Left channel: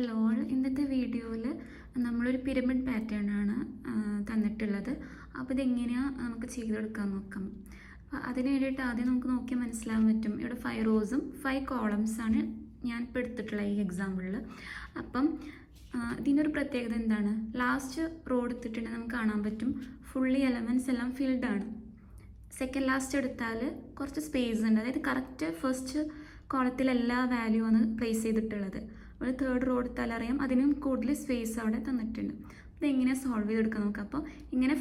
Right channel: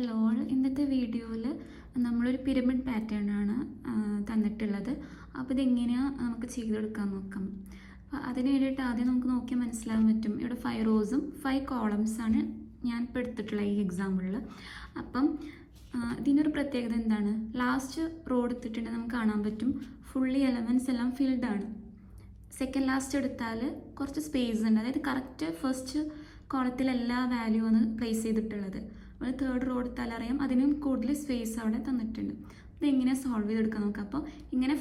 Hello, ഇന്നത്തെ വീഡിയോയിൽ നമ്മളൊരു പിരമിഡ് പാറ്റേൺ ആണ് തന്നിട്ടുള്ളത്. അപ്പോൾ ഇതെങ്ങനെയാണ് നമുക്ക് ചെയ്തെടുക്കാൻ നോക്കാം. അപ്പോൾ അതിന് വേണ്ടിയിട്ട് ആദ്യം നമുക്ക് നോക്കിയാൽ മനസ്സിലാകാൻ പറ്റും. ഇവിടെ 5 റോസും 5 കോളംസാണ് ഞാൻ ഇപ്പോൾ എടുത്തിട്ടുള്ള ഈ എക്സാമ്പിളിൽ. അപ്പം ഇതിനൊരു പ്രത്യേകത എന്താണ്? ലാസ്റ്റ് റോ എടുത്തിട്ടുണ്ടെങ്കിൽ നമുക്ക് കാണാൻ പറ്റും ഫുള്ളി എലമെൻറ്റ്സ് എല്ലാം ഫിൽഡ് ആണ്. സെക്കൻഡ് ലാസ്റ്റ് എടുത്താൽ കുറച്ച് സ്പേസ് ഉണ്ട്, അതായത് കറക്റ്റ് ഫസ്റ്റ് കോളത്തിൽ എല്ലാ വാല്യൂ ആണ് പ്ലേസ് ചെയ്തിട്ടുള്ളത്. ഒരു തേർഡ് റോ എടുത്താൽ അറിയാം അതിനും കൂടുതൽ സ്പേസ് അവിടെ തന്നിട്ടുണ്ട്. ഇതെങ്ങനെ സോൾവ് ചെയ്തെടുക്കാൻ നോക്കാം. അപ്പോൾ ഇങ്ങനെ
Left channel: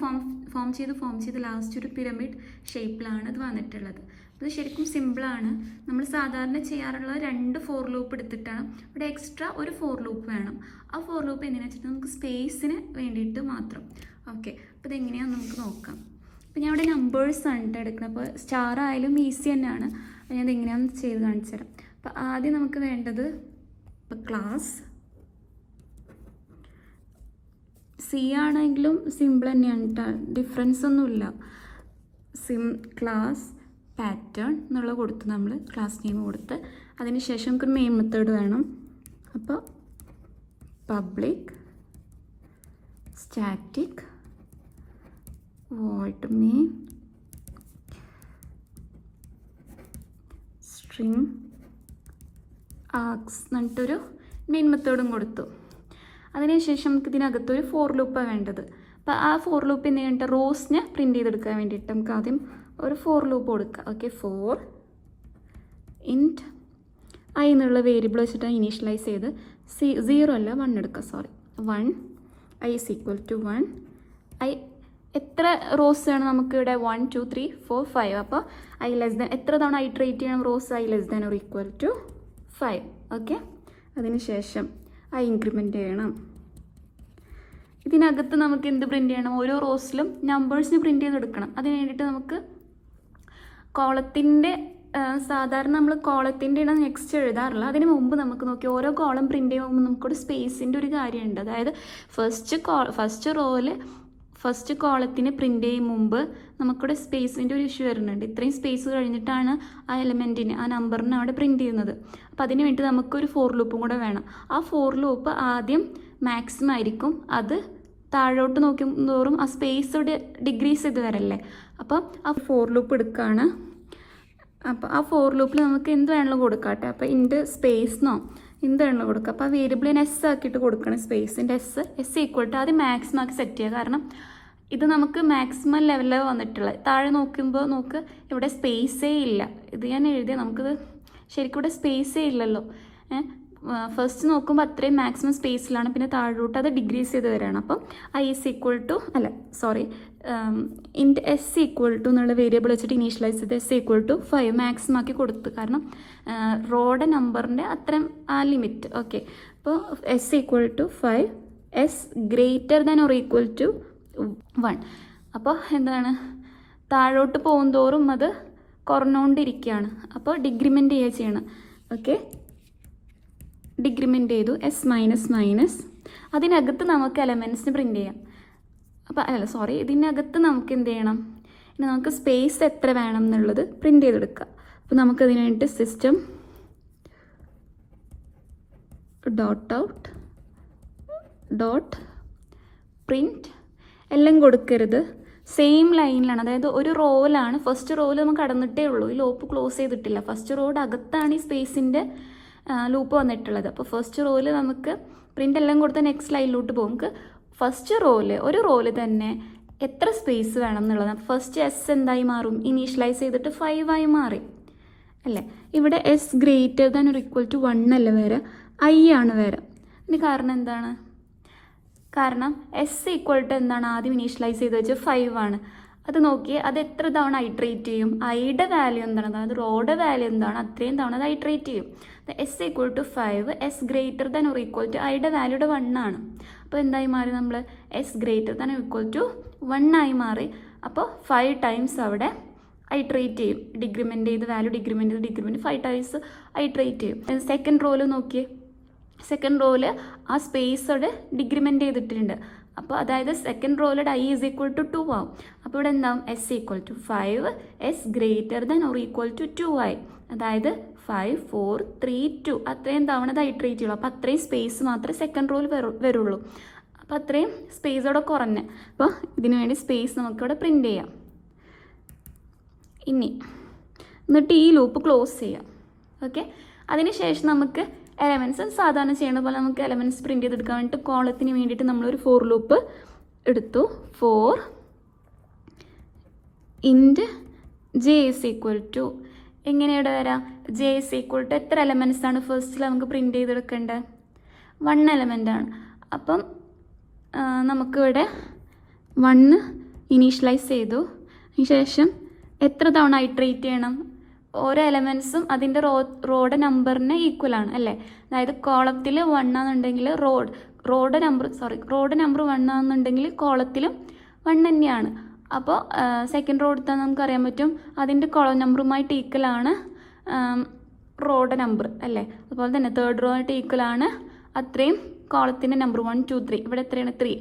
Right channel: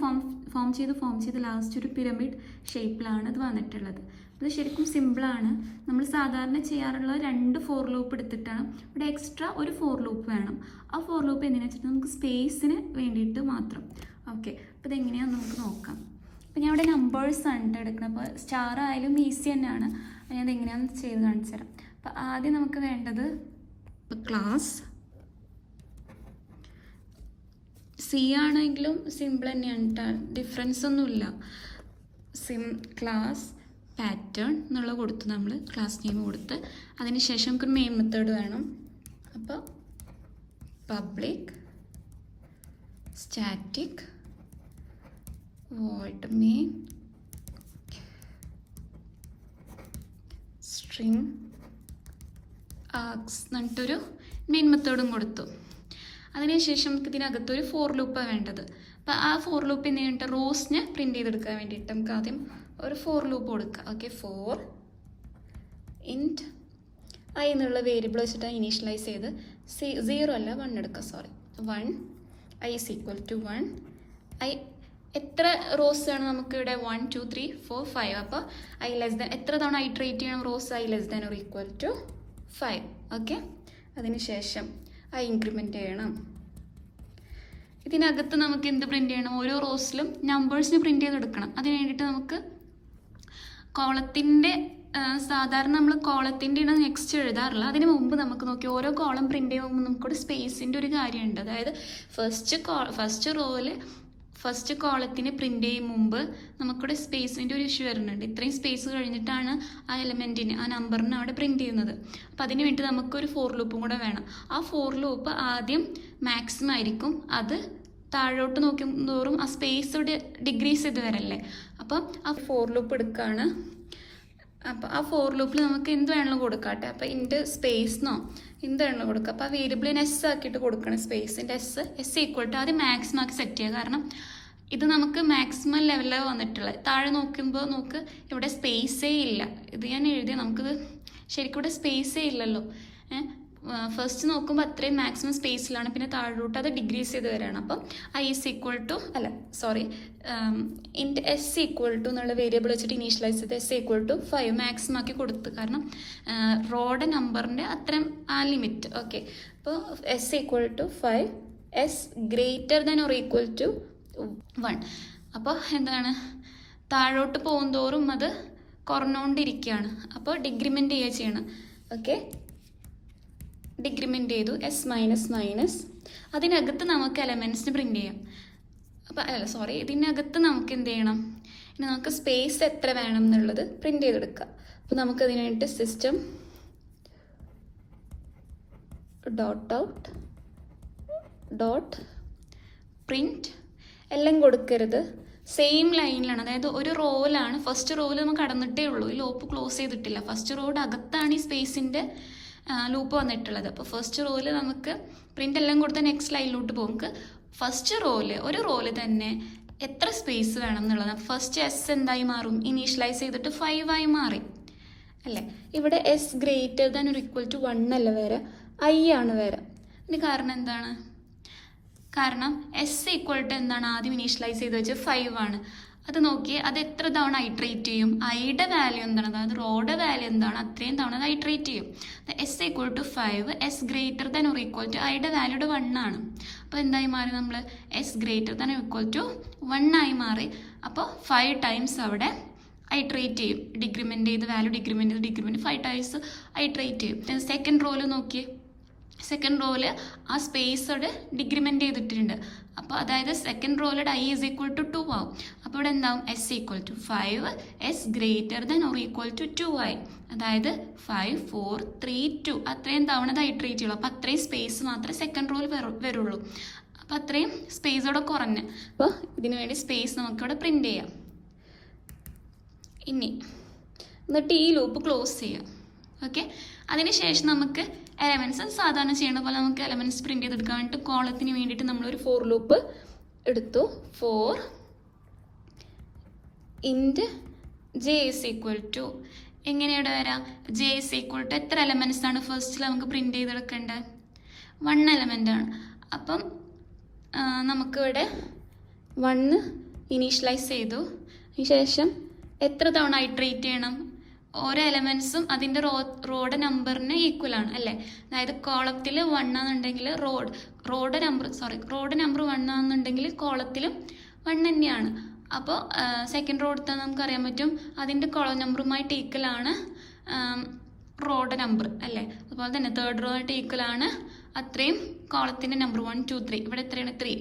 ഫോം ചെയ്ത് ലാസ്റ്റ് ഒരു പിരമിഡ് ഷേപ്പിലാണ് ഇത് വന്നിട്ടുള്ളത്. ഇത് ശരിക്കും സിമ്പിളാണ്. നമ്മൾ സാധാരണ ചെയ്യാറുള്ള 2 ഫോർ ലൂപ്പ് എടുത്തിട്ടാണ്. ഇവിടെ എക്സ്ട്രാ ഒരു ഫോർ ലൂപ്പ് വേണം. ആ ഫോർ ലൂപ്പ് എന്തിനാണെന്ന് വെച്ചിട്ട് നമുക്ക് സ്പേസിന് വേണ്ടിയിട്ട് മാത്രം. ഓക്കെ, അപ്പോൾ ഇതെങ്ങനെയാണെന്ന് നമുക്ക് നോക്കാം. അപ്പോൾ ഞാൻ ഇവിടെ നമ്പേഴ്സാണ് എടുക്കുന്നത്. അപ്പോൾ സ്റ്റാർ ആയാലും ഈസി തന്നെയാണ്. ഞാൻ ഇതെങ്ങനെയാണെന്ന് ചെയ്ത് കാണിച്ചു തരാം. അപ്പോൾ ആദ്യം നമുക്ക് വേണ്ടത് ഇപ്പോൾ ക്ലാസ് സി ആണെങ്കിലും സിമ്പിൾ തന്നെയാണ് കേട്ടോ, ഡിഫറൻസ് ഒന്നുമില്ല. ക്ലാസ് പാറ്റേൺ എന്നുള്ള കൊടുത്ത് നമ്മൾ ക്ലാസ് നെയിം കൊടുത്ത് അതിന് ശേഷം നമുക്കൊരു മെയിൻ മെത്തേഡ് വേണം. അപ്പോൾ public static void main string args എന്നിട്ടൊരു മെയിൻ മെത്തേഡും കൊടുത്തു. അതിനുശേഷം നമുക്ക് ഇതിനകത്തൊരു ഫോർ ലൂപ്പാണ് വേണ്ടത്. അപ്പോൾ ആ ഫോർ ലൂപ്പ് എന്ന് കഴിഞ്ഞിട്ട് റോസിനെ പ്രിൻറ്റ് ചെയ്തെടുക്കാൻ വേണ്ടിയിട്ട് നമുക്ക് ആദ്യം ഒരു ഫോർ ലൂപ്പ് കൊടുക്കുക. ഓക്കെ, ഫോർ ഇൻറ്റ് ഐ എന്നുള്ള വേരിയബിൾ വെച്ചിട്ട് ഇനീഷ്യലൈസ് ചെയ്ത് 0 അല്ല 1 എടുക്കുക. Sorry, 1 I is equal to 1 I. എത്ര റോസ് ആണ് നമുക്കിവിടെ? 1 2 3 4 5. അപ്പോൾ ഐ ലെസ് ദാൻ എത്ര തവണ ഐട്രേറ്റ് ചെയ്യണം? Rows I less than or equal to 5. Okay, അതിന് ശേഷം ഐ ഇൻക്രിമെൻറ്റ് ചെയ്യണം. ഇതിനകത്ത് നമുക്ക് എന്ത് പ്രിൻറ്റ് ചെയ്യണം? ഓരോ റോസിലും നമ്പേഴ്സിന് പ്രിൻറ്റ് ചെയ്തെടുക്കണം. അതിന് വേണ്ടിയിട്ട് നമുക്ക് കോളത്തിൻ്റെ സാധാരണ നമ്മൾ കോളത്തിൻ്റെ ആണ് നെക്സ്റ്റ് എഴുതാറില്ല. അതിന് മുമ്പ് നമുക്ക് നോക്കി ഓരോ കോളം പ്രിൻറ്റ് ചെയ്യുമ്പോൾ നമുക്കൊരു സ്പേസിൻ്റെ ഒരു കാര്യമുണ്ട്. അതായത് ഫസ്റ്റ് റോയിൽ ഫസ്റ്റ് കോളത്തിന് പ്രിൻ്റ് ചെയ്യും മുമ്പ് നമുക്കിവിടെ സ്പേസിൻ്റെ ഒരു ഇഷ്യൂ വരുന്നുണ്ട്. ഇത്രയും സ്പേസ് കഴിഞ്ഞിട്ടാണ് ആ എലമെൻറ്റിന് ആ നമ്പറിന് അവിടെ പ്രിൻറ്റ് ചെയ്യുന്നത്. അപ്പോൾ അതിന് വേണ്ടി നമുക്കൊരു ഫോർ ലൂപ്പും കൂടെ വേണം. ആ ഫോർ ലൂപ്പ് ആദ്യം മാക്സിമം ആയിരിക്കും, അത് താഴോട്ട് നോക്കുന്തോറും ആ സ്പേസ് ഇവിടെ ഡിഗ്രീസ് ചെയ്ത് വരല്ലേ. അപ്പോൾ ആ ഫോർ ലൂപ്പ് എടുക്കുകയാണ്. അപ്പോൾ ആ ഫോർ ലൂപ്പിൽ നമുക്ക് എന്ത് വേണമെങ്കിലും കൊടുക്കാട്ടെ. അപ്പോൾ ഇൻ്റെ സ്പേസിനോ എന്ത് വേണമെങ്കിലും കൊടുക്കുക. അപ്പോൾ ആ വേരിയബിളിന് എസ് ആക്കിയിട്ട് കൊടുക്കണം. സ്പേസിൻ്റെ എസ് ഈക്വൽ ടു ആദ്യം മാക്സിമം ആക്കി സെറ്റ് ചെയ്യുക. കാരണം ഇത് നമുക്ക് മാക്സിമം ലെവലിൽ വന്നിട്ടുള്ളത്. താഴെ നോക്കുമ്പോൾ നമുക്ക് ഇവിടെ സ്പേസേ ഇല്ല. ഇത് ഞാൻ എഴുതിയ നമുക്കിത് ശരിക്കും ഇവിടെ സ്പേസേ ഇല്ലല്ലോ. ഫസ്റ്റ് നോക്കുമ്പോൾ അത്രയും മാക്സിമം സ്പേസിലാണ്, പിന്നെ താഴോട്ട് അത് ഡിഗ്രീസ് ചെയ്ത് വരികയാണ്. അപ്പം I S equal to int S equal to എന്നുള്ള വേരിയബിൾ വെച്ചിട്ട് ഇനീഷ്യലൈസ് ചെയ്ത് എസ് ഈക്വൽ ടു 5 മാക്സിമം ആക്കി കൊടുത്ത്. കാരണം റോയുടെ നമ്പറിൻ്റെ അത്രയും ആ ലിമിറ്റ്. ഓക്കെ, അപ്പോൾ S equal to 5 S greater than or equal to 1. അപ്പോൾ എന്താണ്, താഴോട്ട് പോകുന്തോറും അത് കുറഞ്ഞുകൊണ്ടിരിക്കുകയാണ്. അപ്പോൾ ഡിഗ്രിമെൻ്റ് ചെയ്യുക ചെയ്യണം. ഓക്കെ, ഡിഗ്രിമെൻ്റ് ചെയ്തു എസ് മൈനസ് മൈനസ്. അതിനകത്ത് നമുക്ക് എലമെൻറ്റ്സിന് പ്രിൻറ്റ് ചെയ്യാം. അപ്പോൾ ഇതിനകത്ത് നമുക്ക് എന്ത് ചെയ്യണം? ഇനി നമുക്ക് സ്പേസ് എത്ര വേണം എന്നുള്ളത് പ്രിൻറ്റ് ചെയ്തെടുക്കുക. അപ്പോൾ നമുക്കതിന് വേണ്ടി system dot out dot print എല്ലാം കൊടുക്കരുത്, സെയിം ലൈനിലാണ്. അതായത് ഒരു റോയിലാണ്, ഫസ്റ്റ് റോയിൽ നമുക്ക് കടന്നിട്ടേ ഉള്ളൂ, ഈ ലൂപ്പ് ക്ലോസ് ചെയ്തിട്ടില്ല. ഫസ്റ്റ് റോയുടെ അകത്താണ് ഈ സ്പേസിൻ്റെ ലൂപ്പ് വന്നിട്ടുള്ളത്. അപ്പോൾ ഫസ്റ്റ് റോയിൽ നമുക്ക് പ്രിൻ്റ് എല്ലാം കൊടുത്ത് നെക്സ്റ്റ് ലൈനിലോട്ട് പോകും. നമുക്ക് ഫസ്റ്റ് ഒരു റോയിൽ തന്നെ എത്ര സ്പേസ് വേണം എന്നുള്ളത്. ഫസ്റ്റ് എസ് എന്തായി മാറും? ഇനീഷ്യലൈസ് ചെയ്തിട്ട് 5 ആയി മാറി അല്ലേ. ഇവിടെ എസ് ഗ്രേറ്റർ ദാൻ ഒരു ഈക്വൽ ടു 1 അല്ല വരെ, ഐ ആണ് വരെ. ഇതിന് കാരണം എന്താണ്? കാരണം എസ് ഈക്വൽ ടു എന്താണ് ആദ്യം ഇനീഷ്യലൈസ് ചെയ്ത് വെച്ചാൽ 5 ആണ്. അത് നോക്കി അത് എത്ര തവണ ഐട്രേറ്റ് ചെയ്യും? ഐയുടെ വാല്യൂ എന്താണ്, അതായത് റോയുടെ വാല്യൂ എന്താണ്, അത്രയും തവണ അത് ഐട്രേറ്റ് ചെയ്യും. S equal to 5 S greater than or equal to ഐയുടെ വാല്യൂടെ 1 ആണ്. അപ്പോൾ എന്തായി മാറി? നമ്മൾ S greater than equal to 1 ആയി മാറി. അപ്പോൾ 5 ടൈംസ് അവിടെ ഐട്രേറ്റ് ചെയ്യും. ഡിഗ്രിമെൻ്റ് ചെയ്ത് വാല്യൂ ഡിഗ്രിമെൻറ്റ് 5 ടൈംസ് ഐട്രേറ്റ് ചെയ്യും. സെക്കൻഡ് റോയിൽ നോക്കിയേ, സെക്കൻഡ് റോയിൽ ആ സ്പേസ് അവിടെ ഡിഗ്രിമെൻ്റ് ചെയ്തിട്ടുണ്ട്. അപ്പോൾ അതായത് സെക്കൻഡ് റോയിലൂടെ ഐ ഈസ് ഈക്വൽ ടു 2 ആവും. അപ്പോൾ ഇവിടെ എന്താവും? S equal to 5 S greater than or equal to 2 ആയി. അതായത് 5 4 3 2 അത്രയും തവണ അത് ഇറ്ററേറ്റ് ചെയ്യുള്ളൂ. അപ്പോൾ അത്രയും സ്പേസ് മാത്രമേ സെക്കൻഡ് റോയിൽ വരുള്ളൂ. അപ്പോൾ അത്രയും സ്പേസോടെ കുറഞ്ഞ്, അപ്പോൾ ഇതിനു വേണ്ടി സ്പേസ് നമുക്കിവിടെ പ്രിൻ്റ് ചെയ്യാം. എന്നിട്ട് ഈ ലൂപ്പ് ക്ലോസ് ചെയ്യാം. ഓക്കെ, അതിനുശേഷം നമുക്ക് എലമെൻറ്റ്സ് സാധാരണ ചെയ്യണ പോലെ നമുക്ക് എലമെൻറ്റ്സ് പ്രിൻ്റ് ചെയ്തെടുക്കാൻ വേണ്ടിയിട്ട് കോളത്തിന് വേണ്ടിയിട്ട് നമ്മളൊരു ഫോർ ലൂപ്പ് എടുത്തു. 4 ഇൻറ്റ് ജെ ഇസ് ഈക്വൽ ടു, എങ്ങനെയാണ് വരാം? ജെ ഇസ് ഈക്വൽ ടു എത്ര എലമെൻറ്റ്സ് ആണ് ഫസ്റ്റിൽ നമുക്ക് പ്രിൻ്റ് ചെയ്തെടുക്കേണ്ടത്? 1 എലമെൻ്റ് ആണ്. അപ്പം നമുക്കിവിടെ 1 ഇനീഷ്യലൈസ് ചെയ്തു. അതിനുശേഷം എത്ര തവണ ഇറ്ററേറ്റ് ചെയ്യണം? ഓരോ എലമെൻറ്റ്സും അതിൻ്റെ റോഡ് നമ്പറിന് ഈക്വൽ ആണ് അല്ലേ? അതായത് കോളത്തിൽ 1 ആണെന്നുണ്ടെങ്കിൽ റോഡ് നമ്പർ 1 ആണെന്നുണ്ടെങ്കിൽ കോളത്തിലും 1 തന്നെയാണ്. അപ്പോൾ സെക്കൻഡ് റോ എടുത്താൽ നമുക്കറിയാൻ പറ്റും അതിൻ്റെ കോളം നമ്പറുമായിട്ട് ഈക്വലാണ് റോഡ് നമ്പർ അല്ലേ? അതുപോലെ തന്നെ തേർഡ് റോ ആയിട്ട് ഈക്വലാണ് അത്രയും കോളത്തിൻ്റെ നമ്പർ 1 2 3. ഇവിടെ എത്രയാണ്? 3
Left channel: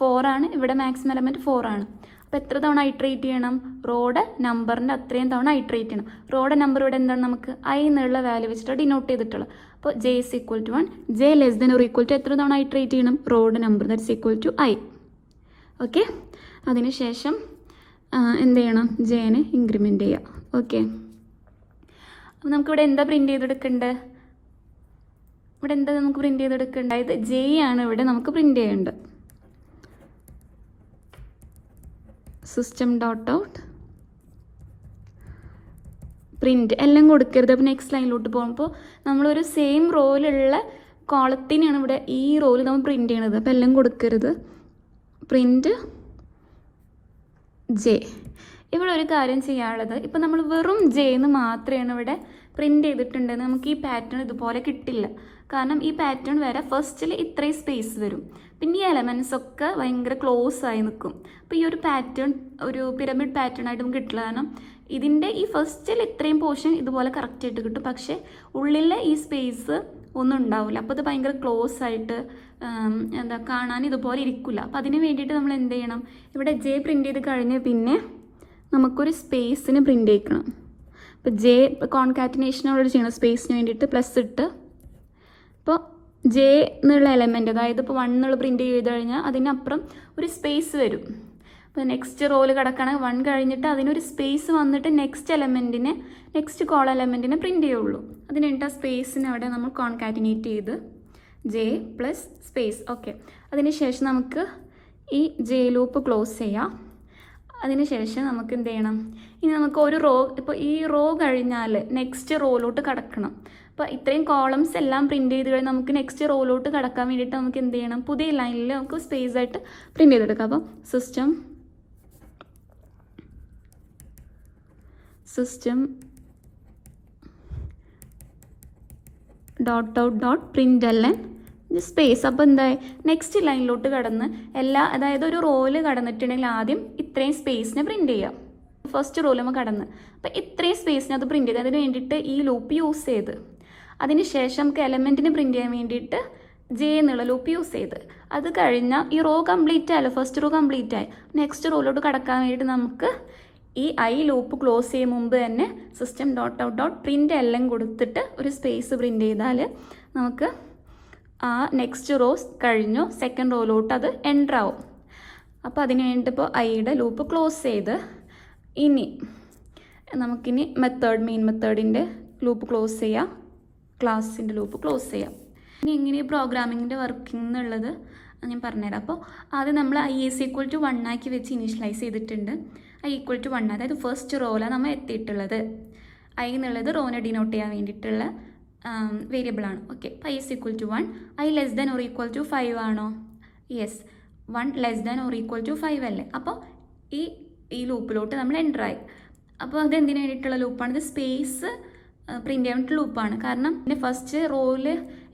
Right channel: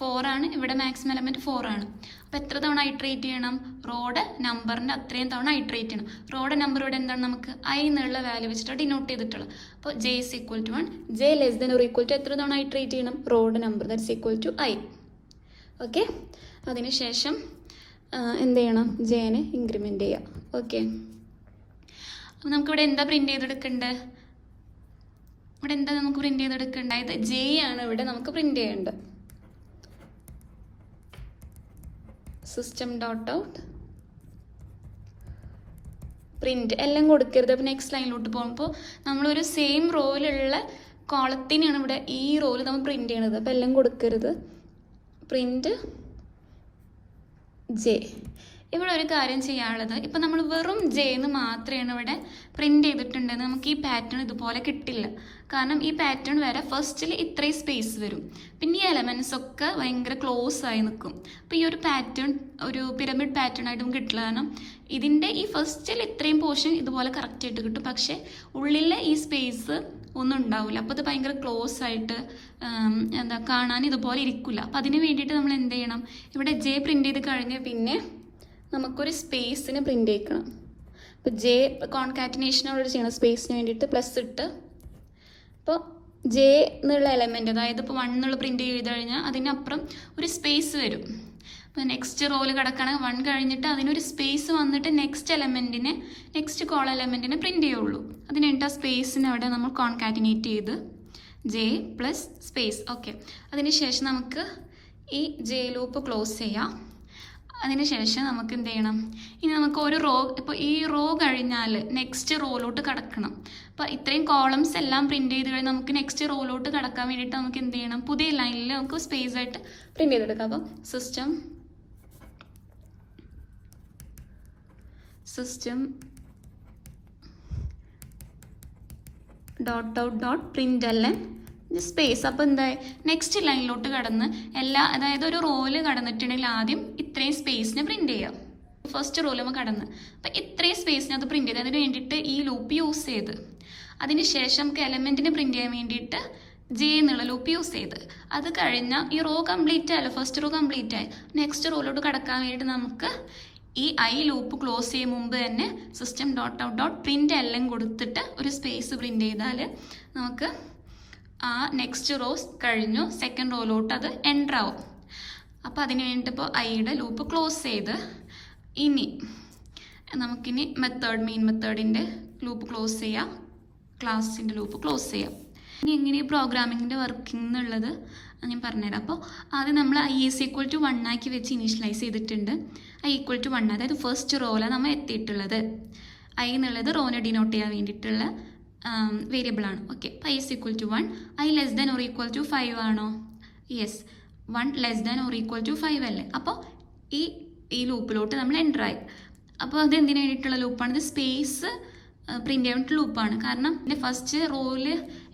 4 ആണ്. ഇവിടെ മാക്സിമം എലമെൻറ്റ് 4 ആണ്. അപ്പോൾ എത്ര തവണ ഇറ്ററേറ്റ് ചെയ്യണം? റോഡ് നമ്പറിൻ്റെ അത്രയും തവണ ഇറ്ററേറ്റ് ചെയ്യണം. റോഡ് നമ്പർ ഇവിടെ എന്താണ്? നമുക്ക് ഐ എന്നുള്ള വാല്യൂ വെച്ചിട്ട് ഡിനോട്ട് ചെയ്തിട്ടുള്ളത്. അപ്പോൾ J is equal to 1, J less than or equal to എത്ര തവണ ഇറ്ററേറ്റ് ചെയ്യണം? Row number that's equal to I. Okay, അതിനുശേഷം എന്ത് ചെയ്യണം? ജെനെ ഇൻക്രിമെൻറ്റ് ചെയ്യാം. ഓക്കെ, അപ്പോൾ നമുക്കിവിടെ എന്താ പ്രിൻ്റ് ചെയ്തെടുക്കേണ്ടത്? ഇവിടെ എന്താ നമുക്ക് പ്രിൻ്റ് ചെയ്തെടുക്കേണ്ടത്? അതായത് ജെ ആണ് ഇവിടെ നമുക്ക് പ്രിൻ്റ് ചെയ്യേണ്ടത്. സിസ്റ്റം ഡോട്ട് ഔട്ട് പ്രിൻറ്റ് എല്ലാം കൊടുക്കരുത്. അപ്പോൾ നെക്സ്റ്റ് ലൈനിലോട്ട് പോകുമ്പോൾ നമ്മളൊരു സെയിം റോയിലുള്ള കോളത്തിനെയാണ് ഇവിടെ ഈ റോയിൽ നമ്മൾ പ്രിൻ്റ് ചെയ്യണത്. അപ്പോൾ എല്ലാം കൊടുക്കരുത്. Print J. ഇവിടെ ഒരു കാര്യം ചെയ്യാനുള്ളത്, ഇപ്പം നമ്മൾ വെറും ജെ എന്ന് മാത്രമാണ് ഇവിടെ പ്രിൻ്റ് ചെയ്തിട്ടുണ്ടെങ്കിൽ നമുക്ക് ഈ പാറ്റേൺ ഇതുപോലെ കിട്ടില്ല. കാരണം ഈ പാറ്റേൺ വരെ ഫസ്റ്റിൽ ഇത്രയും സ്പേസ് വരും, പിന്നെ ഈ എലമെൻറ്റ്സ് ഒക്കെ ഭയങ്കര ക്ലോസ് ആയി നിൽക്കും. അപ്പോൾ ഈ ഒരു പാറ്റേൺ ഒരു പിരമിഡ് പാറ്റേൺ ആയിട്ട് നമുക്ക് കിട്ടില്ല. കാരണം ഇതിൻ്റെ ഈ ഫസ്റ്റിൽ ഇത്രയും പോർഷൻ ഇതുപോലെ കറക്റ്റായിട്ട് കിട്ടും, പക്ഷേ ഉള്ളിലെ ഈ സ്പേസ് ഒന്നും ഉണ്ടാവില്ല. അപ്പോൾ അത് ഭയങ്കര ക്ലോസ് ആയിട്ട് കാണാൻ ഇതുപോലെ ഇരിക്കില്ല. അപ്പോൾ അതിന് വേണ്ടിയിട്ട് നമ്മൾ എന്ത് ചെയ്യണം? ഇവിടെ ജെ പ്രിൻ്റ് ചെയ്ത് കഴിഞ്ഞ് പിന്നെ നമുക്കൊരു സ്പേസിന് പ്രിൻ്റ് ചെയ്യിക്കണം. ഇപ്പോൾ ജെ കോൺകാറ്റിനേഷൻ അവർ ചെയ്യണം സ്പേസിന് വേണ്ടിയിട്ട് പ്ലസ് ഇട്ട്. അപ്പോൾ ജെ എന്നുള്ള എലമെൻറ്റ്, അതായത് ഇപ്പോൾ 1 എന്നുള്ള പ്രിൻ്റ് ചെയ്ത് കഴിഞ്ഞാൽ അതിനപ്പുറം ഒരു സ്പേസ് വരും. അപ്പോൾ നെക്സ്റ്റ് റോല് കിടക്കുകയാണെങ്കിൽ 1 കഴിഞ്ഞിട്ട് അതിനൊരു സ്പേസ് വന്നിട്ട് നെക്സ്റ്റ് കോൾ എലമെൻറ്റിനെ പ്രിൻ്റ് ചെയ്യുള്ളൂ. അതിന് വേണ്ടി ആ സ്പേസിന് അവിടെ നമ്മൾ കോൺകാറ്റിനേറ്റ് ചെയ്ത് ജെ പ്ലസ് സ്പേസ്. ഓക്കെ, അതിനുശേഷം നമുക്ക് ഈ ജെ ലൂപ്പ് ക്ലോസ് ചെയ്യാം. അതിനുശേഷം നമുക്ക് എന്ത് ചെയ്യണം? ഇനി നമുക്ക് ഒരു റോ, ഇപ്പോൾ ഈ റോ കഴിഞ്ഞാൽ നെക്സ്റ്റ് റോയിലോട്ട് കടക്കണം. അപ്പോൾ ഇത്രയും കോളംസ് എല്ലാം പ്രിൻ്റ് ചെയ്ത് കഴിഞ്ഞാൽ നമുക്ക് നെക്സ്റ്റ് റോയിലോട്ട് കടക്കാൻ വേണ്ടിയിട്ട് നമുക്ക് എന്ത് ചെയ്യണം? പുതിയ ലൈനിൽ നമുക്ക് സ്പേസ് ആയിട്ട് പ്രിൻ്റ് ചെയ്തെടുക്കാം. അപ്പോൾ system dot out dot println space. അപ്പോൾ എന്തായി? നെക്സ്റ്റ് ലൈനിലോട്ട് കടന്ന് അതായത് ഒരു റോയിൽ കടന്നിട്ടുണ്ടെങ്കിൽ ആദ്യം ഇത്രയും സ്പേസിനെ പ്രിൻ്റ് ചെയ്യാം. ഫസ്റ്റ് റോയിൽ നമ്മൾ കടന്ന് അപ്പോൾ ഇത്രയും സ്പേസിനെ അത് പ്രിൻ്റ് ചെയ്ത് അതിന് വേണ്ടിയിട്ട് ഈ ലൂപ്പ് യൂസ് ചെയ്ത്, അതിനുശേഷം നമുക്ക് എലമെൻറ്റിന് പ്രിൻ്റ് ചെയ്യാൻ വേണ്ടിയിട്ട് ജെ എന്നുള്ള ലൂപ്പ് യൂസ് ചെയ്ത്, അത് കഴിഞ്ഞാൽ ഈ റോ കംപ്ലീറ്റ് ആയല്ലോ, ഫസ്റ്റ് റോ കംപ്ലീറ്റ് ആയി. നെക്സ്റ്റ് റോയിലോട്ട് കടക്കാൻ വേണ്ടിയിട്ട് നമുക്ക് ഈ ഐ ലൂപ്പ് ക്ലോസ് ചെയ്യും മുമ്പ് തന്നെ system dot out dot print എല്ലാം കൊടുത്തിട്ട് ഒരു സ്പേസ് പ്രിൻ്റ് ചെയ്താൽ നമുക്ക് ആ നെക്സ്റ്റ് റോസ് കഴിഞ്ഞു സെക്കൻഡ് റോയിലോട്ട് അത് എൻ്റർ ആവും. അപ്പോൾ അതിന് വേണ്ടിയിട്ട് ഇപ്പോൾ ഐയുടെ ലൂപ്പ് ക്ലോസ് ചെയ്ത് ഇനി നമുക്കിനി മെയിൻ മെത്തേഡിൻ്റെ ലൂപ്പ് ക്ലോസ് ചെയ്യാം, ക്ലാസ്സിൻ്റെ ലൂപ്പ് ക്ലോസ് ചെയ്യാം. ഇനി എങ്ങനെ ഈ പ്രോഗ്രാമിങ്ങിൻ്റെ വർക്കിംഗ് എന്നുള്ളത് ഞാൻ പറഞ്ഞുതരാം. അപ്പോൾ ആദ്യം നമ്മൾ ഐ ഈസ് ഈക്വൽ ടു 1 ആക്കി വെച്ച് ഇനീഷ്യലൈസ് ചെയ്തിട്ടുണ്ട്. ഐ ഈക്വൽ ടു 1, അതായത് ഫസ്റ്റ് റോയിലാണ് നമ്മൾ എത്തിയിട്ടുള്ളത്. ഐ എന്നുള്ളത് റോനെ ഡിനോട്ട് ചെയ്യാൻ വേണ്ടിയിട്ടുള്ള വേരിയബിളാണ്. Okay, I is equal to 1. I less than or equal to 5 ആണോ? Yes, 1 less than or equal to 5 അല്ലേ? അപ്പോൾ ഈ ലൂപ്പിലോട്ട് നമ്മൾ എൻ്റർ ആയി. അപ്പോൾ അത് എന്തിനു വേണ്ടിയിട്ടുള്ള ലൂപ്പാണ്? ഇത് സ്പേസ് പ്രിൻ്റ് ചെയ്യാൻ വേണ്ടിയിട്ട് ലൂപ്പാണ്. കാരണം പിന്നെ ഫസ്റ്റ് റോയിൽ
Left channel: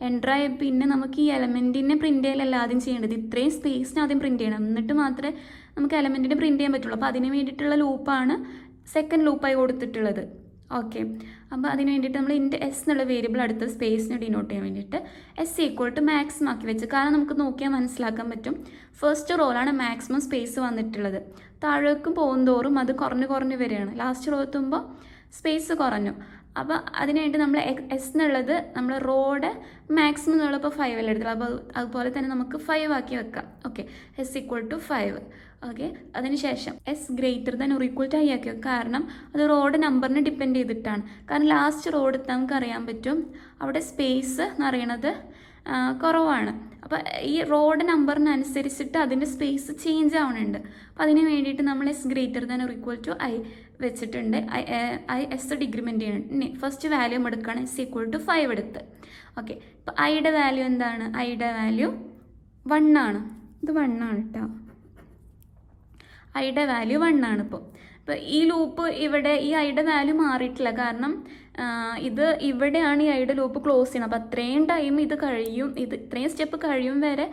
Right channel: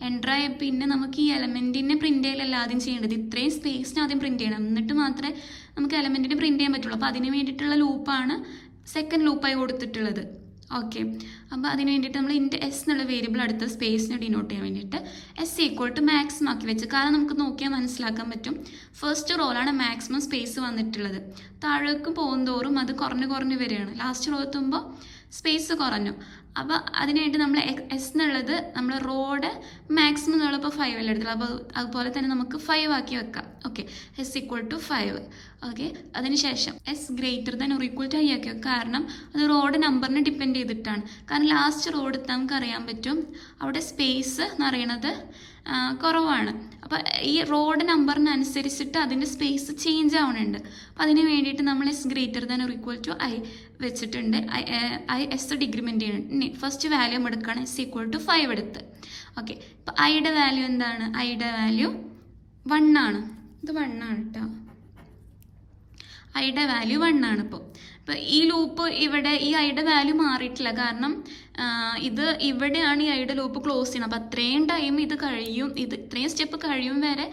എൻ്റർ ആയ പിന്നെ നമുക്ക് ഈ എലമെൻറ്റിനെ പ്രിൻ്റ് ചെയ്യലല്ല ആദ്യം ചെയ്യേണ്ടത്, ഇത്രയും സ്പേസിന് ആദ്യം പ്രിൻ്റ് ചെയ്യണം, എന്നിട്ട് മാത്രമേ നമുക്ക് എലമെൻറ്റിനെ പ്രിൻ്റ് ചെയ്യാൻ പറ്റുള്ളൂ. അപ്പോൾ അതിന് വേണ്ടിയിട്ടുള്ള ലൂപ്പാണ് സെക്കൻഡ് ലൂപ്പായി കൊടുത്തിട്ടുള്ളത്. ഓക്കെ, അപ്പോൾ അതിന് വേണ്ടിയിട്ട് നമ്മൾ എസ് എന്നുള്ള വേരിയബിൾ അടുത്ത സ്പേസിനെ ഡിനോട്ട് ചെയ്യാൻ വേണ്ടിയിട്ട് എസ് ഈക്വൽ ടു മാക്സിമം ആക്കി വെച്ച്. കാരണം നമുക്ക് നോക്കിയാൽ മനസ്സിലാക്കാൻ പറ്റും ഫസ്റ്റ് റോയിലാണ് മാക്സിമം സ്പേസ് വന്നിട്ടുള്ളത്. താഴേക്ക് പോകുന്തോറും അത് കുറഞ്ഞ് വരികയാണ്. ലാസ്റ്റ് റോ എത്തുമ്പോൾ സ്പേസ് കുറഞ്ഞു. അപ്പോൾ അതിനുവേണ്ടി നമ്മൾ എസ് എന്നുള്ളത് നമ്മൾ റോഡ് മാക്സിമം എന്നുള്ളപ്പോൾ 5 അല്ലേ എടുത്തുള്ളൂ. അപ്പോൾ അതുപോലെ തന്നെ നമുക്ക് 5 ആക്കി വെക്കാം. Okay, s equal to 5. Okay, അതിനുശേഷം s greater than or equal to i ആക്കി വെക്കാം. കാരണം അത് റോഡ് നമ്പറിനെ ഡിപ്പെൻഡ് ചെയ്തിട്ടാണ്. കാരണം ലാസ്റ്റ് റോഡ് നമുക്ക് അറിയാൻ പറ്റും അവിടെ സ്പേസ് എന്ന് പറയുന്നത് കുറവാണ്. അപ്പോൾ ഈ റോഡ് നമ്പറിനനുസരിച്ചിട്ട് അതിൻ്റെ സ്പേസ് ചേഞ്ച് ആവുന്നുണ്ട്. അപ്പോൾ അതിന് വേണ്ടിയിട്ട് നമ്മൾ S greater than or equal to I വെച്ചിട്ടുണ്ട്. ഐ എസ് ഡിഗ്രിമെൻറ്റ് ചെയ്യണം. ഇനി ഫസ്റ്റ് വാല്യൂ എടുക്കുകയാണ് എസ് ഈക്വൽ ടു 5 എടുത്ത്. ഓക്കെ, ഇപ്പോൾ ഐയുടെ വാല്യൂ എന്താണ്? ഐയുടെ വാല്യൂ 1 ആണ്. ഇത് 1 ആണ് കേട്ടോ. ഐയുടെ വാല്യൂ 1 ആണ്. ഇപ്പോൾ ഈ ലൂപ്പ് ഇവിടെ ഈ ഐയുടെ വാല്യൂ മാറിയിട്ടില്ല. കാരണം ഇത് ഇവിടെയാണ് ഈ ഐയുടെ ലൂപ്പ് ക്ലോസ് ചെയ്യണം. അപ്പോൾ അത്രയും ടൈം ഇത് കഴിയും, ഇത്രയും സ്റ്റെപ്പ് കഴിയും വരെ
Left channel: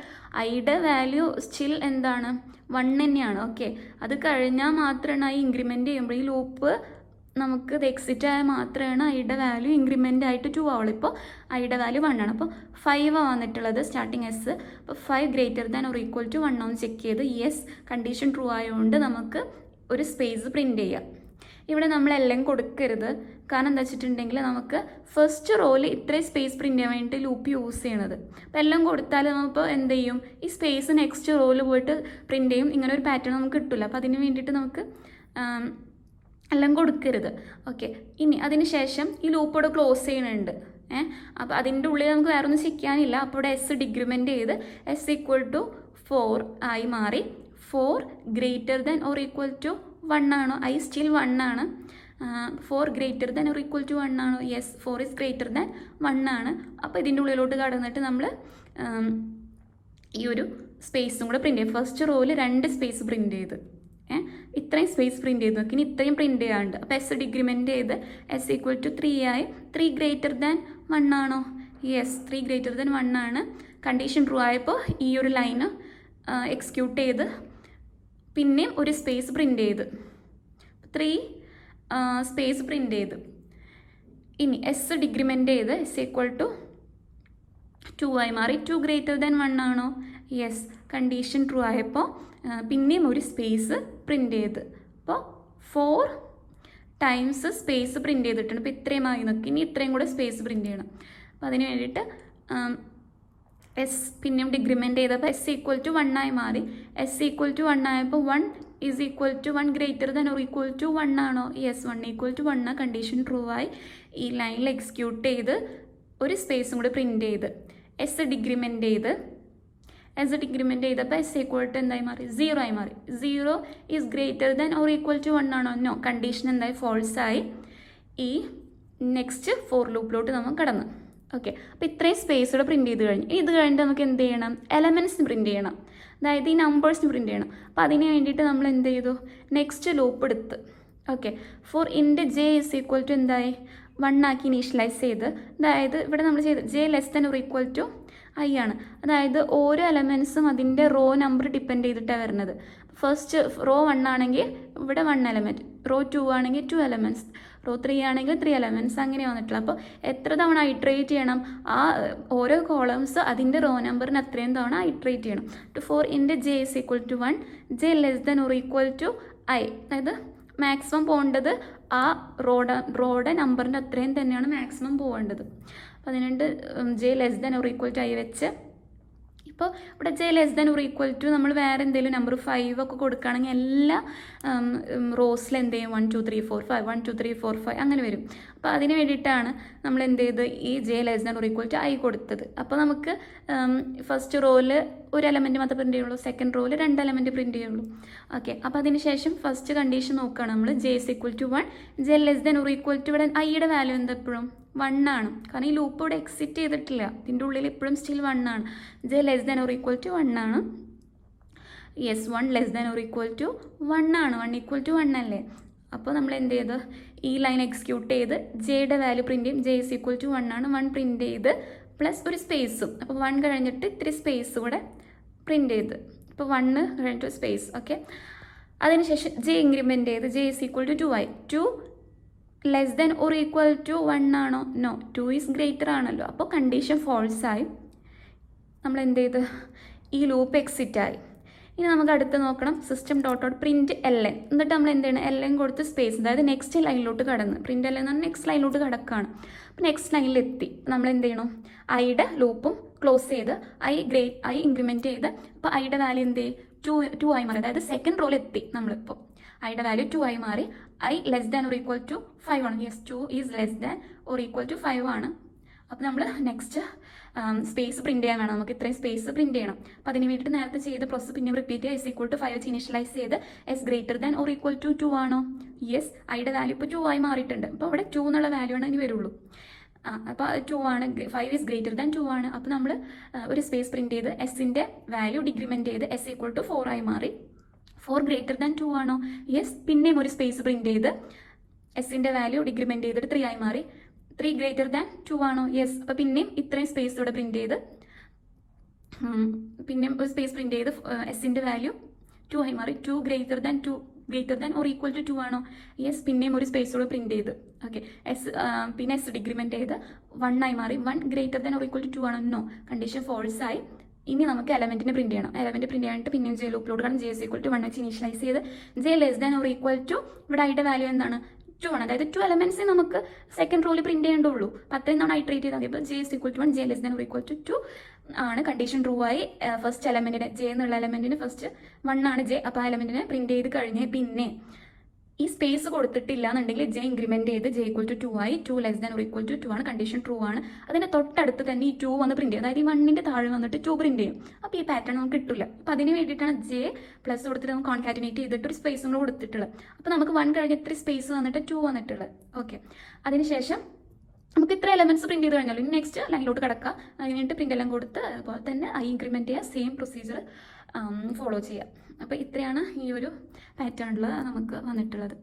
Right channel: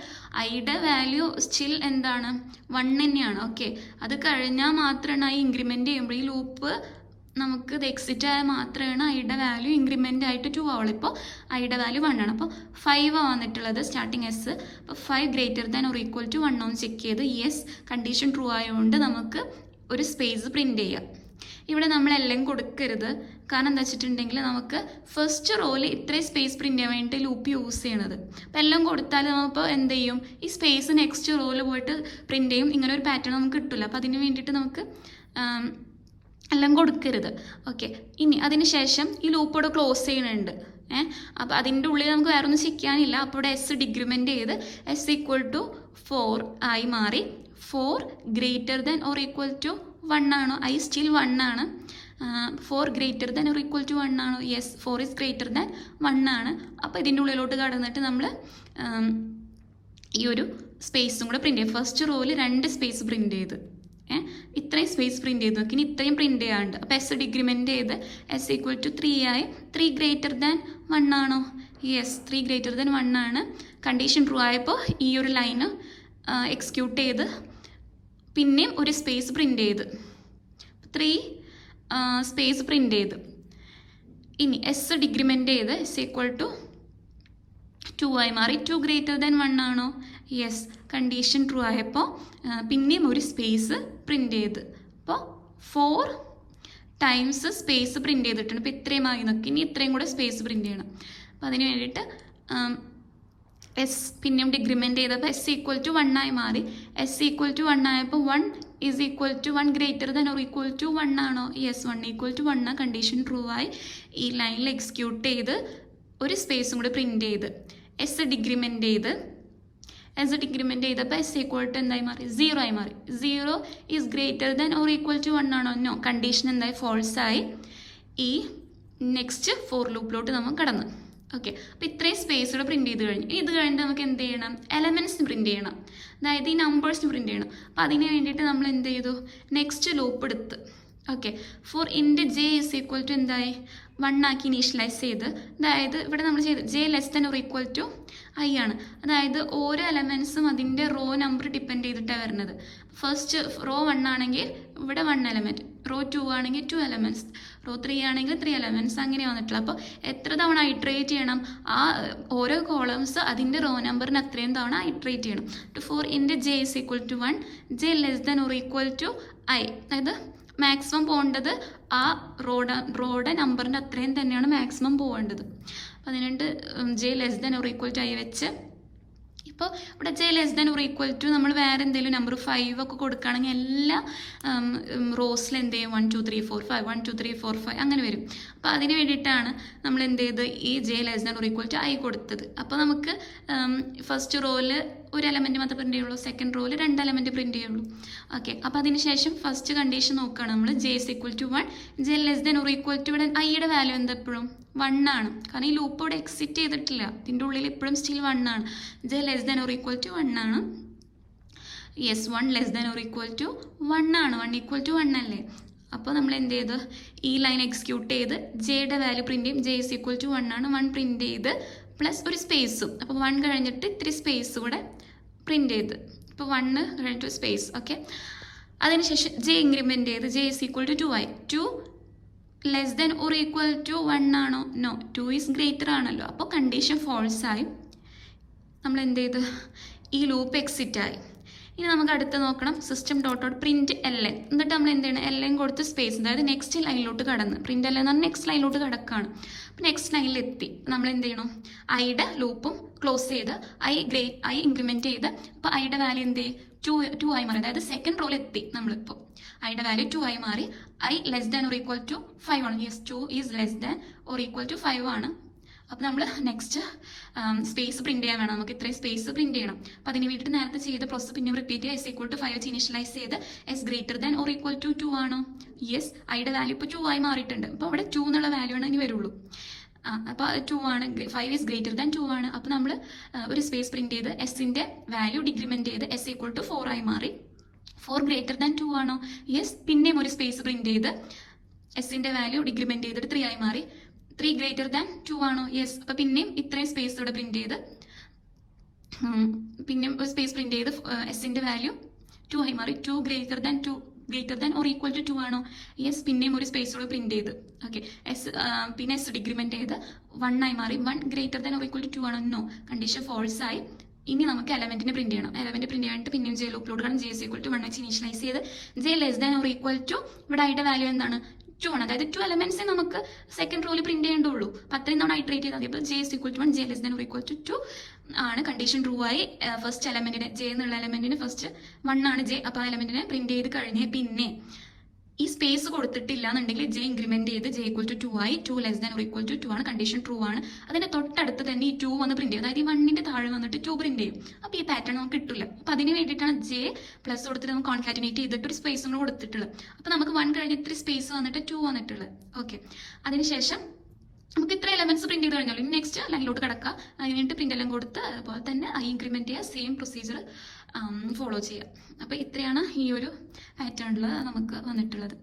ഐയുടെ വാല്യൂ സ്റ്റിൽ എന്താണ്? 1 തന്നെയാണ്. ഓക്കെ, അത് കഴിഞ്ഞാൽ മാത്രമാണ് ഐ ഇൻക്രിമെൻറ്റ് ചെയ്യുമ്പോൾ ഈ ലൂപ്പ് നമുക്ക് ഇത് എക്സിറ്റ് ആയാൽ മാത്രമാണ് ഐയുടെ വാല്യൂ ഇൻക്രിമെൻ്റ് ആയിട്ട് 2 ആവുള്ളൂ. ഇപ്പോൾ ഐയുടെ വാല്യൂ 1 ആണ്. അപ്പോൾ 5 വന്നിട്ടുള്ളത് സ്റ്റാർട്ടിങ് എസ്. അപ്പോൾ 5 greater than or equal to 1 ഒന്ന് ചെക്ക് ചെയ്ത് യെസ് കണ്ടീഷൻ ട്രൂ ആയതുകൊണ്ട് നമുക്ക് ഒരു സ്പേസ് പ്രിൻറ്റ് ചെയ്യാം. ഇവിടെ നമ്മളെല്ലാം കൊടുക്കരുത്. കാരണം എന്താ വെച്ചിട്ടുണ്ടെങ്കിൽ നമുക്ക് ഫസ്റ്റ് റോയിൽ ഇത്രയും സ്പേസ് പ്രിൻറ്റ് ചെയ്യാൻ വേണ്ടിയിട്ട് ലൂപ്പ് യൂസ് ചെയ്യണത്. അപ്പോൾ എല്ലാം കൊടുത്താൽ നമ്മളിപ്പോൾ എന്ത് ചെയ്യും? ഈ സ്പേസ് നെക്സ്റ്റ് റോയിൽ പോയിട്ട് പ്രിൻറ്റ് ചെയ്യും. ഇങ്ങനെ ഒരു പാറ്റേൺ നമുക്ക് കിട്ടില്ല. അപ്പോൾ അതിന് വേണ്ടിയിട്ട് നമുക്ക് എല്ലാം കൊടുക്കരുത്. ഓക്കെ, ഇനി അതിന് ശേഷം ഈ ലൂപ്പോടെ ക്ലോസ് ചെയ്യുന്നുണ്ട്. അപ്പോൾ അതിൻ്റെ ഉള്ളിൽ നമുക്ക് വേറെ ഒന്നും ചെയ്യാനില്ല. അപ്പോൾ ഇവിടെ എസ് ഡിഗ്രിമെൻറ്റ് ചെയ്ത് എസ് ഈക്വൽ ടു 4 ആയി മാറി. 4 greater than or equal to 1 ആണോ? ഐ സ്റ്റിൽ 1 ആണ്. 4 greater than or equal to 1 ആണോ? യെസ്, 4 ഈസ് ഗ്രേറ്റർ ദാൻ 1 ആണ്. അപ്പോൾ ഇതിൻ്റെ ഉള്ളിലോട്ട് കടന്നിട്ട് നമ്മൾ ഈ ഒരു സ്പേസും കൂടെ പ്രിൻറ്റ് ചെയ്യും. ഫസ്റ്റ് റോയിൽ 2 സ്പേസ് പ്രിൻറ്റ് ചെയ്ത് ഇത്രയും സ്പേസ് പ്രിൻറ്റ് ചെയ്ത് നോക്കി. ഇനി ഇത്രയും പ്രിൻറ്റ് ചെയ്യാണ്ട്. അപ്പോൾ എസ് ഡിഗ്രിമെൻറ്റ് ചെയ്ത് എസ് ഈക്വൽ ടു 3 ആയി. 3 ഗ്രേറ്റർ ദാൻ 1 ആണോ? യെസ്, 3 ഗ്രേറ്റർ ദാൻ 1 ആണ്. കണ്ടീഷൻ ട്രൂ ആയപ്പോൾ ഈ ഒരു ലൈന് എക്സിക്യൂട്ട് ചെയ്ത് പിന്നെയും ഒരു സ്പേസ് പ്രിൻറ്റ് ചെയ്ത് 3 സ്പേസ് പ്രിൻറ്റ് ചെയ്ത് ഇനി എസ് ഡിഗ്രിമെൻറ്റ് ചെയ്ത് എസ് ഈക്വൽ ടു 2 ആയി മാറി. 2 ഗ്രേറ്റർ ദാൻ 1 ആണോ? യെസ്, കണ്ടീഷൻ ട്രൂ ആയപ്പോൾ പിന്നെയും ഒരു സ്പേസ് പ്രിൻറ്റ് ചെയ്ത്. അപ്പോൾ 4 ടൈംസ് സ്പേസ് പ്രിൻറ്റ് ചെയ്തിട്ടുണ്ട്. അപ്പോൾ ഇത്രയും ആയി നോക്കി. ഇനി ഇത്രയും കൂടെ സ്പേസ് പ്രിൻറ്റ് ചെയ്യണം. അപ്പോൾ അതിന് വേണ്ടിയിട്ട് എസ് പിന്നെയും ഡിഗ്രിമെൻറ്റ് ചെയ്തപ്പോൾ എസ് ഈക്വൽ ടു 1 ആയി മാറി. എസ് ഈക്വൽ ടു 1 ആയപ്പോൾ 1 is equal to 1 greater than or equal to 1 ആണോ? Yes, 1 equal to 1 condition true ആയി. ഈ ലൈനിൽ എക്സിക്യൂട്ട് ചെയ്ത് ഒരു സ്പേസും കൂടെ പ്രിൻറ്റ് ചെയ്ത് എസ് ഡിഗ്രിമെൻറ്റ് ചെയ്ത് ചെയ്തപ്പോൾ എസ് ഈക്വൽ ടു എന്തായി മാറി? 0 ആയി മാറി. 0 is greater than or equal to 1 ആണോ? നോ, കണ്ടീഷൻ എന്തായി? ഫോൾസ് ആയി. ഈ നെക്സ്റ്റ് ഫോർ ലൂപ്പിലോട്ട് നമ്മൾ കടന്നു. ഓക്കെ, അപ്പോൾ ഇത്രയും സ്പേസോടെ പ്രിൻറ്റ് ചെയ്ത് കഴിഞ്ഞു. ഇത് കഴിഞ്ഞിട്ട് നമുക്ക് എന്ത് ചെയ്യണം? എലമെൻറ്റ്സിന് പ്രിൻറ്റ് ചെയ്യണം. അതായത് ഈ നമ്പേഴ്സിന് പ്രിൻറ്റ് ചെയ്യണം. അപ്പോൾ അതിന് വേണ്ടിയിട്ട് നമ്മൾ എന്ത് ചെയ്തു? നെക്സ്റ്റ് ലൂപ്പ് എടുത്ത് okay for int j is equal to എന്തായി 1 ആക്കി ഇനീഷ്യലൈസ് ചെയ്ത്, അതായത് ഇവിടെ നമ്മൾ ചെയ്ത് J less than or equal to i ആണ്. അതായത് ഓരോ എലമെൻറ്റ്സും അതിൻ്റെ റോ നമ്പർ ഡിപ്പെൻഡ് ചെയ്തിട്ടാണ് വരുന്നത്. ഫസ്റ്റ് റോ 1 ആണെങ്കിൽ ഇവിടെ 1 എലമെൻറ്റ്, റോ 2 ആണെങ്കിൽ 2 എലമെൻറ്റ്സ്, റോ 3 ആണെങ്കിൽ 3 എലമെൻറ്റ്സ്, അങ്ങനെ വന്നിട്ടുള്ള. അപ്പോൾ എത്ര തവണ ഇറ്ററേറ്റ് ചെയ്യണം? ആ ഓരോ കോളംസ് അതിൻ്റെ റോ നമ്പറിന് അത്രയും തവണ ഇറ്ററേറ്റ് ചെയ്യണം. For int j is equal to 1, J less than or equal to i, അതായത് മാക്സിമം പോകേണ്ടത് ആ റോഡ് നമ്പറിൻ്റെ അത്രയും തന്നെയാണ് മാക്സിമം പോകേണ്ടത്. അപ്പോൾ അതിനുണ്ട് J less than or equal to I വെച്ച്. ഇപ്പോൾ ഇവിടെ J less than or equal to നമ്മൾ വേറെ എന്തെങ്കിലും നമ്പർ 5 ഒക്കെ കൊടുക്കുകയാണെങ്കിൽ എല്ലാ റോസിൽ എന്ത് ചെയ്യും 1 2 3 4 5 1 2 3 4 5 അങ്ങനെ വരും. അപ്പോൾ അതിന് വേണ്ടിയിട്ടാണ് നമ്മൾ എന്ത് ചെയ്ത് ഈ J less than or equal to I കൊടുത്തത്. അപ്പോൾ നമുക്ക് ഫസ്റ്റ് റോയിൽ ഒരു എലമെൻറ്റ് മാത്രമേ പ്രിൻറ്റ് ചെയ്യുള്ളൂ, സെക്കൻഡ് റോയിൽ 2 എലമെൻറ്റ് പ്രിൻറ്റ് ചെയ്യുള്ളൂ. ഓക്കെ, അപ്പോൾ അതിന് ശേഷം ഫസ്റ്റ് കണ്ടീഷൻ നോക്കുകയാണ് നമ്മൾ. J is equal to 1, J less than or equal to ഇവിടെ ഐയുടെ വാല്യൂ എന്താ എപ്പോഴും 1 ആണ്. കാരണം ഈ ലൂപ്പ് ഇവിടെ എക്സിറ്റ് ചെയ്തിട്ടില്ല, ഇതിൻ്റെ ഉള്ളിൽ ഇപ്പോഴും സ്റ്റിൽ 1 ആണ്. J less than or equal to 1 ആണ്. Yes, 1 less than or equal to 1 ആണ്. 1 ഈക്വൽ ടു 1 അല്ലേ? അപ്പോൾ നമ്മൾ എന്ത് ചെയ്ത് ഈ ലൈൻ എക്സിക്യൂട്ട് ചെയ്ത് ജെയുടെ വാല്യൂ പ്രിൻറ്റ് ചെയ്യും. ജെ ഇസ് ഈക്വൽ ടു 1 ആണ്. 1 പ്രിൻറ്റ് ചെയ്ത് പ്ലസ് ഒരു സ്പേസും, അപ്പോൾ 1 കഴിഞ്ഞിട്ട് ഇത്തിരി സ്പേസ് കൂടെ പ്രിൻറ്റ് ചെയ്ത്, ഇപ്പോൾ 1 കഴിഞ്ഞിട്ട് സ്പേസ്. ഓക്കെ, അതിനുശേഷം ജെ ഇൻക്രിമെൻറ്റ് ചെയ്ത് ജെ ഇസ് ഈക്വൽ ടു 2 ആയി. 2 less than or equal to 1 ആണോ? നോ, 2 ഈസ് ഗ്രേറ്റർ ആണല്ലോ. അപ്പോൾ കണ്ടീഷൻ ഫോൾസ് ആയി. നമ്മൾ എന്ത് ചെയ്ത് ഈ ലൂപ്പ് എക്സിറ്റ് ആയി. ഇനി നമുക്ക് അടുത്ത് നോക്കണം സിസ്റ്റം ഡോട്ട് പ്രിന്റ് LN. എന്നിട്ട് നമ്മൾ എന്ത് ചെയ്യണം, LN കൊടുത്ത് സ്പേസ്, അതായത് നെക്സ്റ്റ് ലൈനിലോട്ട് കടന്ന് പ്രിന്റ് LN എന്ന് പറഞ്ഞാൽ നെക്സ്റ്റ് ലൈനിലോട്ട് കടക്കുകയാണ്. അപ്പോൾ നെക്സ്റ്റ് ലൈനിൽ എത്തി നമ്മൾ എന്ത് ചെയ്യണം, ഐയുടെ ലൂപ്പും ക്ലോസ് ചെയ്ത് ഐ ഇൻക്രിമെൻറ്റ് ചെയ്ത് അപ്പോൾ ഐയുടെ വാല്യൂ എന്ത് ചെയ്യും, 2 ആയി മാറി. അതായത് സെക്കൻഡ് റോയിൽ എത്തി നമ്മളിപ്പോൾ. ഐയുടെ വാല്യൂ 2 ആയി മാറി. I less than or equal to 5 ആണ്. Yes, 2 is less than or equal to 5 ആണ്. അപ്പോൾ നമ്മൾ നെക്സ്റ്റ് സ്പേസ് പ്രിന്റ് ചെയ്യാൻ വേണം, നമുക്ക് ഇത്രയും സ്പേസ് പ്രിന്റ് ചെയ്യണം. അപ്പോൾ അതിന് വേണ്ടിയിട്ട് നേരത്തെ ചെയ്ത പ്രോസസ് പിന്നെ റിപ്പീറ്റ് ചെയ്യുക. എസ് ഈക്വൽ ടു 5 വെച്ച് ഇനിഷ്യലൈസ് ചെയ്ത് S greater than or equal to 2 ആണോ? യെസ്, ഐയുടെ വാല്യൂ ഇപ്പോൾ 2 ആയി മാറിയിട്ടുണ്ട്. അപ്പോൾ അവിടെ 2 എന്നുള്ള വാല്യൂ ആണ് ഇനി വരുള്ളൂ. അപ്പോൾ 2 ആണ്, 5 ഈസ് ഗ്രേറ്റർ ദാൻ 2 ആണ്. അപ്പോൾ നമ്മൾ ഒരു സ്പേസ് പ്രിന്റ് ചെയ്ത് എസിൻ്റെ വാല്യൂ ഡിക്രിമെൻറ്റ് ചെയ്ത് എസ് ഈക്വൽ ടു 4 ആയി മാറി. 4 ഗ്രേറ്റർ ദാൻ 2 ആണോ? യെസ്, പിന്നെയും ഒരു സ്പേസ് പ്രിന്റ് ചെയ്ത് എസിൻ്റെ വാല്യൂ ഡിക്രിമെൻറ്റ് ചെയ്തിട്ട് 3 ആയി മാറി. 3 ഗ്രേറ്റർ ദാൻ 2 ആണോ? യെസ്, അപ്പോൾ പിന്നെയും ഇത്രയും സ്പേസ് ഇവിടെ പ്രിന്റ് ചെയ്ത് പിന്നെയും ഒരു സ്പേസ് പ്രിന്റ് ചെയ്ത് എസിൻ്റെ വാല്യൂ 2 ആയി മാറി. 2 greater than or equal to 2 ആണോ? യെസ്, പിന്നെയും ഒരു സ്പേസോട് പ്രിന്റ് ചെയ്ത് ഓക്കെ പിന്നെ എസ് ഡിക്രിമെന്റ് ചെയ്ത് 1 ആയി മാറി. 1 greater than or equal to 2 ആണോ? നോ, കണ്ടീഷൻ ഫോൾസ് ആയി. ഇനി നമുക്ക് എലമെന്റിനെ പ്രിന്റ് ചെയ്യണം. എലമെന്റ് പ്രിന്റ് ചെയ്യാനായിട്ട് പിന്നെയും ജെ ലൂപ്പിലോട്ട് കാരണം ജെ ഈക്വൽ ടു 1 വെച്ച് ഇനീഷ്യലൈസ് ചെയ്ത് J less than or equal to ഇവിടെ ഐയുടെ വാല്യൂ എന്താണ്, 2 ആണ്. അതായത് 2 എലമെന്റ്സ് നമുക്ക് സെക്കൻഡ് റോയിൽ പ്രിന്റ് ചെയ്യേണ്ടുള്ളൂ. അപ്പോൾ അത്രയും നമ്മൾ ഐട്രേറ്റ് ചെയ്താൽ മതി. അപ്പോൾ J equal to 1, J less than or equal to 2 ആണ്. കണ്ടീഷൻ ട്രൂ ആയി. ഫസ്റ്റ് എലമെന്റിനെ ജെ എന്നുള്ള എലമെന്റിന് ഫസ്റ്റ് 1 ആണ് ജെ. അപ്പോൾ ആ എലമെന്റിനെ പ്രിന്റ് ചെയ്ത് കഴിഞ്ഞ് പിന്നെ ഈ സ്പേസ് കൊടുത്തിട്ടില്ല എന്നുണ്ടെങ്കിൽ ജെ ഇൻക്രിമെന്റ് ചെയ്ത് ജെ ഈക്വൽ ടു 2 ആയി. 2 less than or equal to 2 ആണ്. കണ്ടീഷൻ ട്രൂ ആണ്. അതിന്റെ തൊട്ടടുത്ത് തന്നെ ഈ 2 വന്ന് പ്രിന്റ് ചെയ്യും. അതായത് ഈ 1ന്റെ താഴെ വന്നിട്ട് 2 പ്രിന്റ് ചെയ്യും. അപ്പോൾ ഈ പാറ്റേൺ നമുക്ക് കിട്ടില്ല. അപ്പോൾ അതിന് വേണ്ടിയിട്ടാണ് ജെ പ്ലസ് കൊടുത്തിട്ട് നമുക്ക് കോൺകാറ്റിനേറ്റ് ചെയ്തിട്ട് ഒരു സ്പേസും കൂടെ കൊടുത്തിട്ടുള്ളത്. അപ്പോൾ നമുക്ക് 1 കഴിഞ്ഞ് ഇത്ര സ്പേസ് വന്നിട്ട് 2 വന്നിട്ടുള്ളത്. ഓക്കെ, അതിനുശേഷം നമുക്ക് ഇത്ര എലമെന്റ്സ് പ്രിന്റ് ചെയ്ത് കഴിഞ്ഞാൽ ഇനി നെക്സ്റ്റ് ലൈനിലോട്ട് കിടക്കുക. അതിനായിട്ട് പ്രിന്റ് എല്ലാം കൊടുത്ത് അതുപോലെ തന്നെ ഐ ഇൻക്രിമെന്റ് ചെയ്യുക, സെയിം പ്രൊസീജിയർ ഫോളോ ചെയ്യുക. അപ്പോൾ ഇത്രയാണ് ഈ ഒരു പാറ്റേണിൽ നമുക്ക് വന്നിട്ടുള്ളത്.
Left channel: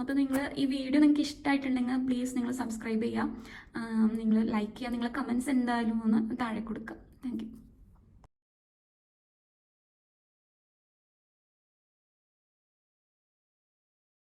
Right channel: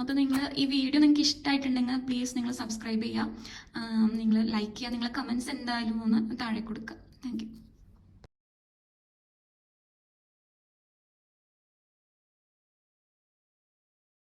അപ്പോൾ നിങ്ങൾ ഈ വീഡിയോ നിങ്ങൾക്ക് ഇഷ്ടമായിട്ടുണ്ടെങ്കിൽ പ്ലീസ് നിങ്ങൾ സബ്സ്ക്രൈബ് ചെയ്യുക, നിങ്ങൾ ലൈക്ക് ചെയ്യുക, നിങ്ങളെ കമൻറ്റ്സ് എന്തായാലും ഒന്ന് താഴെ കൊടുക്കുക. Thank you.